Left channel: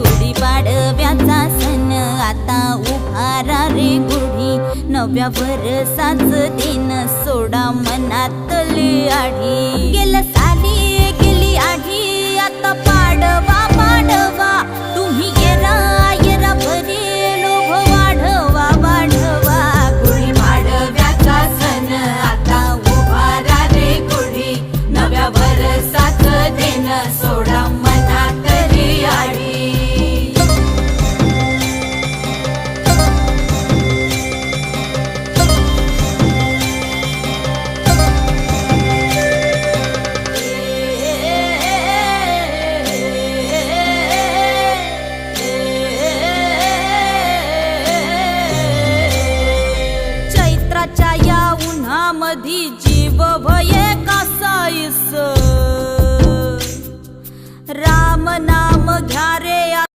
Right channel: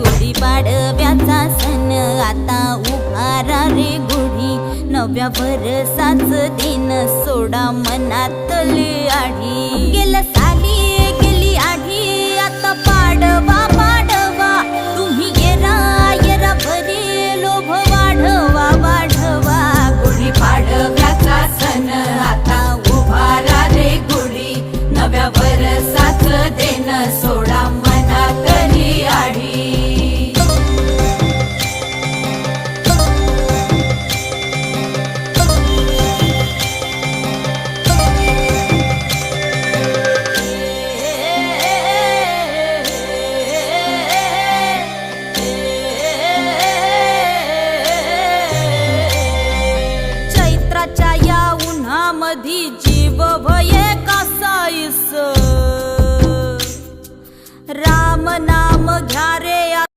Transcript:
गुढीपाडव्याचा सण आता उभारा रे गुढी, नव्या वर्षाच दिन सोडा मनातली आढी। गेलं साली गेली आढी, आता पाडवा पाडवा, तुम्ही येरा येरा बरे लोभ वाढवा वाढवा। गुढीपाडव्याचा सण आता उभारा रे गुढी, नव्या वर्षाच दिन सोडा मनातली आढी। चैत्राच्या या उन्हामधी जीव भये कासाईस, राम नाम घ्या रे